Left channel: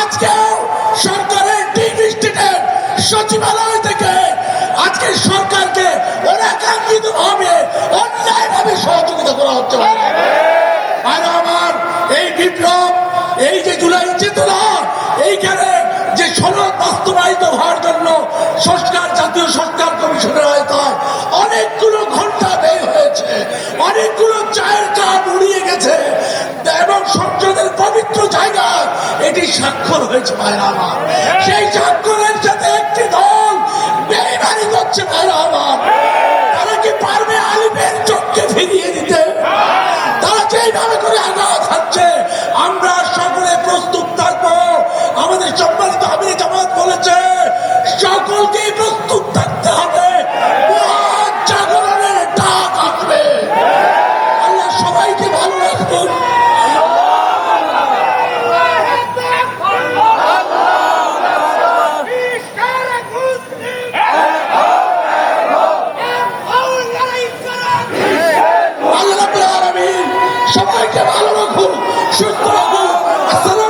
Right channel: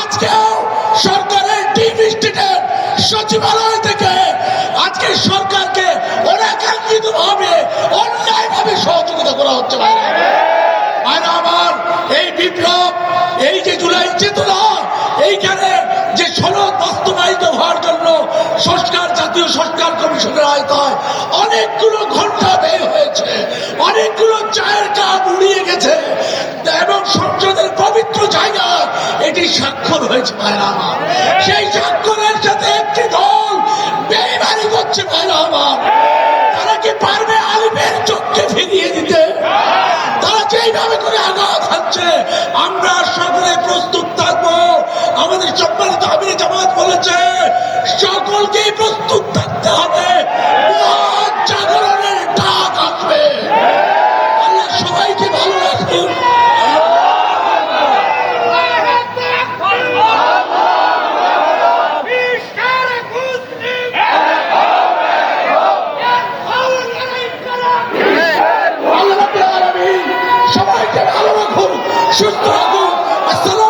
আজকেও সরকারের ডিপ স্টেটের সচিবালয় থেকে আজকে সরকারকে অনাকাঙ্ক্ষিত ভাবে অন্যায় ভাবে সহযোগিতা করা হতে পারে। আর আমার এই বিপ্লব, এই যে জুলাই চেতনা, এইখানে যে সনদ বাস্তবায়িত হওয়ার জন্য সংস্কার, জাতীয় সংস্কার কমিশনের আওতায় অনেকগুলো ঘন্টা ব্যয় হয়েছে, অনেকগুলো চায়ের কাপ উড়িয়ে গেছে এবং সংসদের পবিত্র জায়গা এটি স্বাক্ষর হয়েছে ভাইরা আমার। সেই স্বাক্ষরের সাথে একটি দল বেইমানি করছে ভাইরা আমার। তারা কি পারবে আলিমের চোখকে ফিরিয়ে দিতে? তারা যেইভাবে করে আঘাত খাচ্ছে, আমরা সকলে প্রস্তুত থাকবো। আমাদের সম্মানিত আমির জামাত বলেছে সকলকে প্রস্তুত থাকতে হবে, জাগরণের ডাক আসবে। আল্লাহ সবাইকে ভালো রাখুন। আল্লাহ রাব্বুল আলামিন সবাইকে ভালো রাখুন, সুস্থ রাখুন। আসসালামু